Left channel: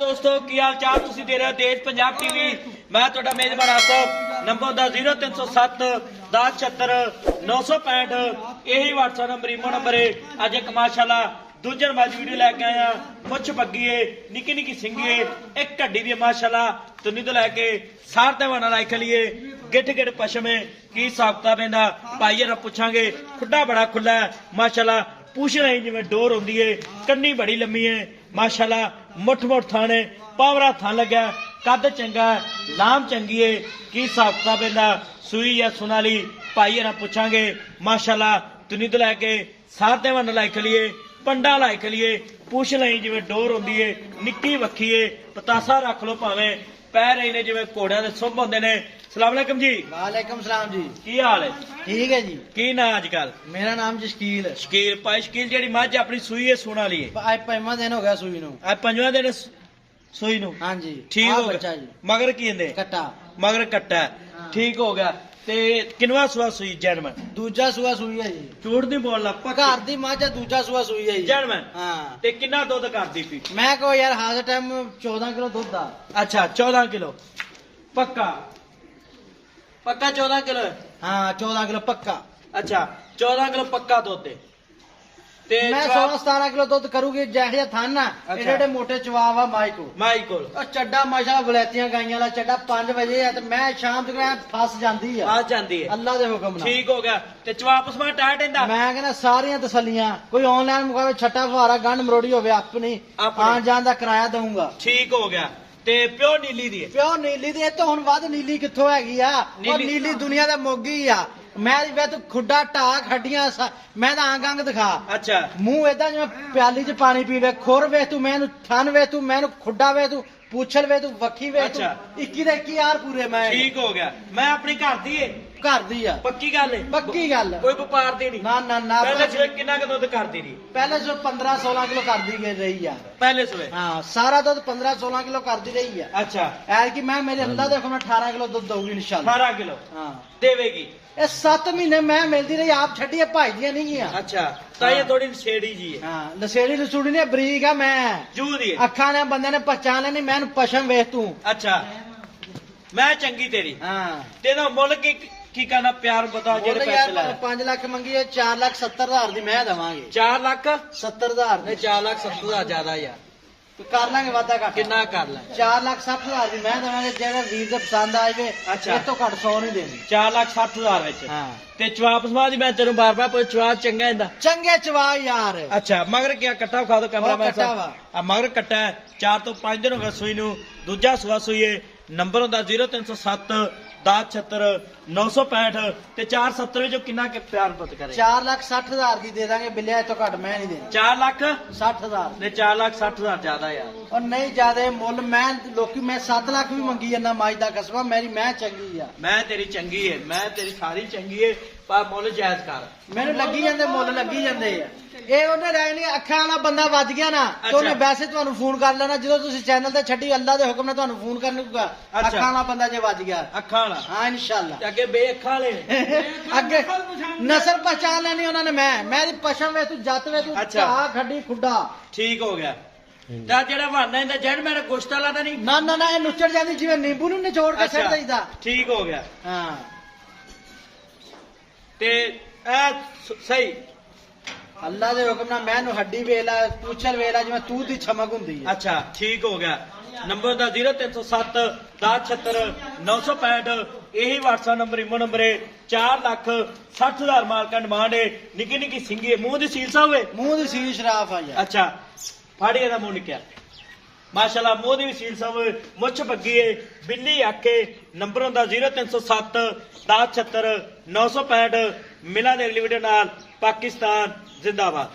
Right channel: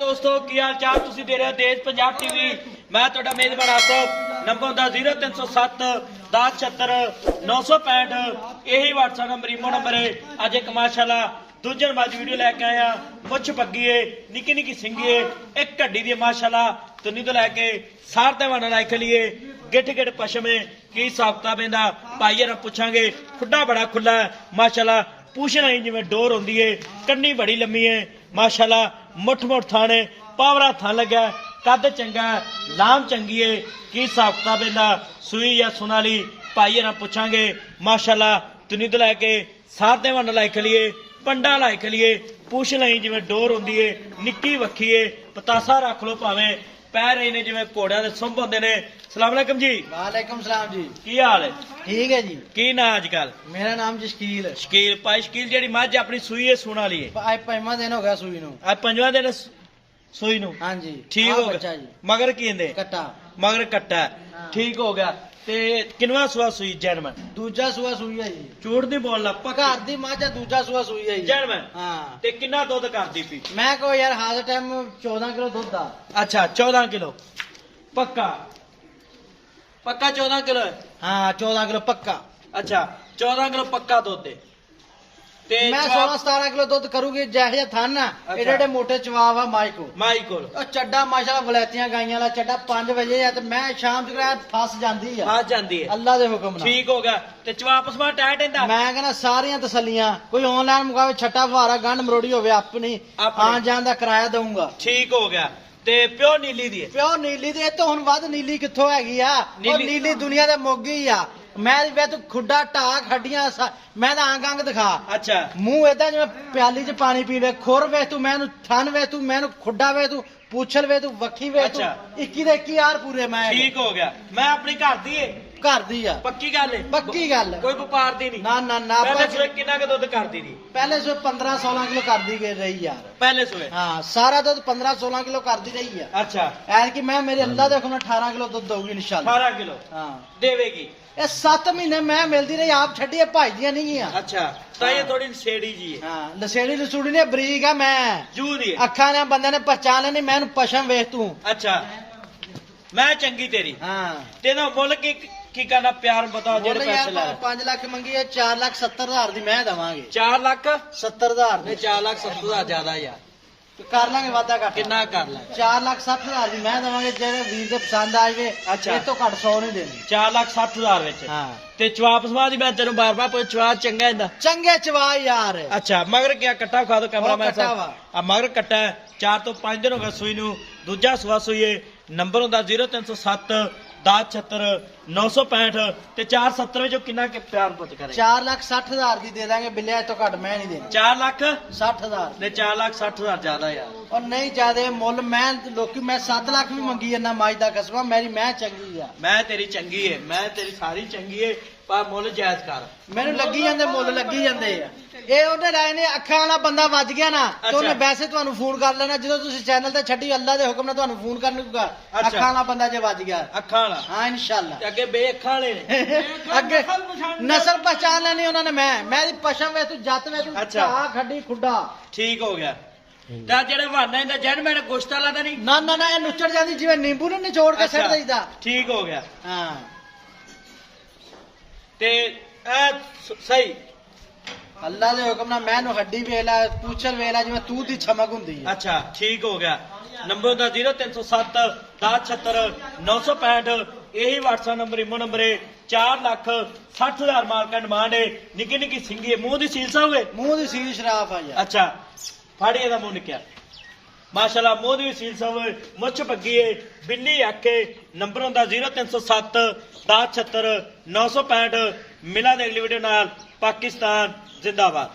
दोस्तों की हाल चाल तुसी दे रहे हो तेज पंजाब टीवी। मैं तुहाडा मेजबान आसफ। नंबर दा 0307 1076 965 यही व्हाट्सएप नंबर ईमो नंबर है। अज एक माशाल्लाह दूजन बाज वीडियो लैके आया। मुछ पग्गी है, निकी निकी सिंगी है, एक कड्डी दी माशाल्लाह तुनी तो लैके सार तेवाना लाई खलीए गिठ गिठ पशम है की साबता पेंदा भाई ना पुछांगे। खुड्डा बड़ा खुला है माशाल्लाह, पूछ नहीं जिवें डोर होंदी है, कन्नी बड़ी लम्मी है माशाल्लाह, मुठ मुठ थाने पावरा थान लगा, कद चंगा लाम चंगी है की साबता पेंदा सुई या सुनाली भाई ना पुछांगे माशाल्लाह। तुनी तो लैके सार तेवाना लाई खलीए पंडा लाई खलीए, पूछ नहीं जिवें डोर होंदी है, निक्की वक्खी है, पतासा रख लो भावें पैर इन्हें जिवें घोड़ियां दे सुंभ होंदे ने। सलाम अलैकुम जी। वालेकुम सलाम जी। की हाल है? ठीक है जी। की ना अजकल? मेरा नाम जी शकील है। शकील भाई शकील जेहड़ी मझ अपनी सूई है सुना ली है आज पंजवां दिन हो गया सूई नूं। आज पंजवां दिन सूई नूं। हाँ जी ठीक आ हो बच्चा गया जी मगर की कहंदे कट्टा मगर कट्टा हाँ। ठीक हो गया ते किनवा सुआ सूई जैनमन दूजा सूआ सूई है जी। झूठ नहीं बोलना पक्का घर दी मां दूजा सूआ सूई है जी। जैनमन हाँ ते किन्ना दुध करदी पी? मैं को यार हाल टाइम 14 किलो दुध दा। अच्छा 14 किलो पक्का पक्का 14 किलो है। हाँ 14 किलो पक्का। अच्छा 14 किलो पक्का दुध है ते मैं 16-17 किलो दुध करूंगी जैसे थान ना अच्छा। एडे मोटे चवाव आ माई को माई को और चड्डा माशाल्लाह वलैतियां गाइयां ला चड्डा 5 बजे है ते मैं शाम तक फस जांदी है आ जाती है। अल्लाह दे हुक्म नाल। ठीक हो गया ते चवापस में टाइट इंदा मैं कहना सारियां तसलियां कोई ऑनलाइन मुकावे छट्टा फुहारा गंढ मरोड़ी होवे अपनी अपनी। आन जान दा किराया दूंगा। ठीक हो गया ते प्योर नीली दी है। ਪਿਓ ਨੀਲੀ ਦੇ ਤੋਂ ਹੁਣ ਵੱਧ ਨੀਲੀ ਕਿੱਥੋਂ ਹੈਗੀ ਆ? ਉਹ ਨੀਲੀ ਦੁਨੀਆ ਦਾ ਮੋਗੀ ਆ। ਮੈਂ ਵੇ ਤੂੰ ਖੁੱਡਾ ਢਾਕ ਹੱਡੀਆਂ ਮੈਂ ਤਾਂ ਅੰਗ ਅੰਗ ਦਿਖਾ अच्छा ਮੂੰਹ ਏਦਾਂ ਜਿਵੇਂ ਪਿਆਲੀ 'ਚ ਪਾਣੀ ਪੀਵੇ ਖੁਰ ਵੇ ਤੂੰ ਮੈਨੂੰ ਥਨ ਵੇ ਤੂੰ ਮੈਨੂੰ ਖੁੱਡਾ ਵੇ ਤੂੰ ਪੁੱਛਲ ਵੇ ਤੂੰ ਵੱਖੀ ਵੇ ਤੂੰ ਅੱਛਾ। 21 ਦੇ 21 ਯਾਰ ਪੂਰੇ ਮੈਂ ठीक हो गया। मैं अपनी घर दी है ਘਰ ਦੀ ਆ पक्की गल है ਪੱਕੀ ਗੱਲ कोई व्यापार दी नहीं। ਨਾ ਨਾ ਨਾ पहले सुबह किन्ना का दुध करती थी? ਪਹਿਲੇ ਸੋ 15-16 ਕਿਲੋ ਕਰਦੀ ਗਈ ਰਹੀ ਯਾਰ। पहले सुबह ਹਾਂ ਸਾਰਾ ਦੁੱਧ 15-16 ਕਿਲੋ ਕਰਦੀ ਰਹੀ ਆ। अच्छा ਐ ਕਿ ਮੈਂ ਮੇਰੇ ਅੱਲਾ ਦੇ ਹੁਕਮ ਨਾਲ 18 ਕਿਲੋ ਦੁੱਧ ਦਊਗੀ ਇਨਸ਼ਾਅੱਲਾ। 18 किलो ਹਾਂ देवेगी। ਇਹ 7 ਮਹੀਨੇ ਮੈਂ ਮਿਲਦੀ ਰਹੀ ਆਪ ਛੱਡੀਏ ਭਾਈਦੀਆਂ ਨਹੀਂ ਗਿਆ। अच्छा तो ये थोड़ी छेड़ी जी है ਹਾਂ ਨਸ਼ੇੜੀ ਲਸੂੜੀ ਨੇ ਬਰੀਕ ਆ ਮੈਂ जू दी है। ਅੱਖਾਂ ਨੇ ਬੰਦੇ ਨੇ ਪਛਾਣ ਲੈਣੀ ਮੈਨੂੰ ਪਸ਼ਮ ਵੇਖ ਤੂੰ। अच्छा मैं चंगी तेरी ਹਾਂ तेरा मुल की करना प्यार बता जेड़े पैसे ਯਾਰ लाए 5 ਲੱਖ ਮੰਗੀਏ 4,70,000 ਦੀ ਮੈਂ ਦਵਾਂਗੇ। 4 लाख 70,000 नहीं ਦੀ 4 लाख 70,000 ज्यादा यार ਕਰ ਲਾਂਗੇ ਵਾਦਾ ਕਰ किन्ना कर ला 4,60,000 ਦੀ ਮੈਂ ਦਵਾਂਗੇ। ਜਿਹੜਾ ਵੀਰ ਦੇ ਪਸੰਦ ਆ ਜਾਵੇ ਅੱਛਾ। ਇਹ ਤੋਂ ਘੱਟ 100 ਨਹੀਂ ਦੇਣੀ। 4,60,000 ਵਿੱਚ ਹਾਂ ਤੇ ਚਵਾਪ ਸਮਾਦੀ ਮੈਂ ਤੈਨੂੰ ਬਾਰ ਬਾਰ ਪੁੱਛ ਚਵਾ ਚੰਗਾ ਇਹਦਾ। ਚੰਗੇ ਚਵਾ ਯਾਰ। ਅੱਛਾ ਮਗਰ ਕਿਆ ਕੱਟਾ ਖਾ ਦੋ ਕੈਮਰਾ ਉਹ ਕੱਟਾ ਵਾ। ਆ ਮਗਰ ਕੱਟਾ 4 ਤੋਂ 5 ਦਿਨ ਹੋ ਗਏ ਸੂਈ ਨੂੰ। ਦੂਜਾ ਸੂਆ ਸੂਈਏ ਨੰਬਰ ਹੁੰਦਾ 0307 1076 965 ਤੇ 470 ਵਿੱਚੋਂ ਕਿੰਨਾ ਕਿ ਪਿਆਰ ਪੁੱਤ ਕਰੇ? 4,60,000 ਦੀ ਦੇ ਦਾਂਗੇ ਬਿੱਲਿਆ ਇਹ ਤੋਂ ਘੱਟ ਮੈਂ ਨਹੀਂ ਦੇਣੀ। 4 ਲੱਖ 60,000 ਤੇ 4,60,000 ਜ਼ਿਆਦਾ ਯਾਰ। ਔਰ ਨਹੀਂ ਜਿਆਦੇ ਮੁੱਲ ਮੈਂ ਲੋਕੀ ਮੈਂ 7 ਲੱਖ ਵੀ ਮੰਗੀ ਜਾਂਦਾ ਮਾਜ ਦਾ ਕਸਬਾ ਮੇਰੀ ਮੈਂ ਚੰਗੀ ਆ। ਮੈਂ ਤੇਰੀ ਚੰਗੀ ਏ, ਮੈਂ ਤੇਰੀ ਸਾਰੀ ਚੰਗੀ ਏ, ਪਰ ਮੁੱਲ ਜਾਇਜ਼ ਕਰ। ਮੈਨੂੰ ਲੱਗੀ ਜਾਂਦੇ ਮੁੱਲ ਲੱਗੀ ਜਾਂਦੇ ਆ। ਇਹ ਉਹਨੇ ਰਾਏ ਨੇ ਅੱਖਾਂ ਵਾਲਾ ਬੰਦਾ ਵੱਜ ਗਿਆ ਨਾ ਤੇ ਉਹਨੇ ਵੈਸੇ ਤੁਹਾਨੂੰ ਫੋਨ ਕਰ ਲੈਣਾ ਜਦੋਂ ਤੁਸੀਂ ਚੈਨਲ ਤੇ ਛੱਡੀ ਅੱਲਾ ਦੇ ਹੁਕਮ ਨਾਲ ਤੁਹਾਨੂੰ ਫੋਨ ਕਰਨੂਗਾ। ਅੱਖਾਂ ਵਾਲਾ ਬੰਦਾ ਜੇ ਵੱਜ ਗਿਆ ਅੱਖਾਂ ਵਾਲਾ ਹਾਂ ਇਨਸ਼ਾਅੱਲਾ ਤੇ ਅੱਗੇ ਬੇਅੱਖਾਂ ਵਾਲੇ ਅੱਗੇ ਨਸਲ ਪਛਾਣ ਲੈਣੀ ਉਹਨਾਂ ਨੇ। ਮੇਰੀ ਪਸ਼ਮ ਵੇ ਤੂੰ ਜੱਤ ਵੇ ਤੂੰ ਅੱਛਾ। ਢਾ ਖੱਡੀ ਖੁੱਡਾ। ਠੀਕ ਹੋ ਗਿਆ। ਤਾਂ ਜਿਹੜਾ ਬਹਾਨਾ ਇਹਦਾ ਜੈਨ ਮੈਨੇ ਗੋਸ਼ਤਾ ਲਾਦਾ ਨਹੀਂ। ਨਾ ਨਾ ਨਾ ਇਹ ਨੁੱਚੜ ਜਾਂਦੀ ਜਿਵੇਂ ਨਿੰਬੂ ਨੂੰ ਨਿਚੋੜ ਕੇ ਛੱਡ ਦਈਦਾ। ਠੀਕ ਹੋ ਗਿਆ। ਹਾਂ ਤੇ ਇਹ ਸਹੀ ਅੱਲਾ ਦੇ ਹੁਕਮ ਨਾਲ ਮੈਨੂੰ ਹੱਡੀ ਵੇਲਾ ਪੁੱਛਣ ਵੇਲਾ ਜਿਵੇਂ ਤੂੰ ਦੀ ਛਮਕ ਹੁੰਦੀ ਹੈ। अच्छा ठीक हो गया। नंबर ਦਾ 0307 1076 965 यही व्हाट्सएप नंबर इमो नंबर है। 4,60,000 माल का डिमांड है। निकी निकी सिंगी है, मुंह दी सील सा हुए। ਮੂੰਹ ਦੀ ਸੀਲ ਸ਼ਰਾਫ ਆ ਯਾਰ। अच्छा फाड़ी ਦਾ मुंह निकया माशाल्लाह, मुंह दी सील सा हुए, मुछ पग्गी है, बिल्ली आखे। नंबर ਹੁੰਦਾ 0307 1076 965। मिला दे अगली वीडियो नाल। पाकिस्तान जिंदाबाद।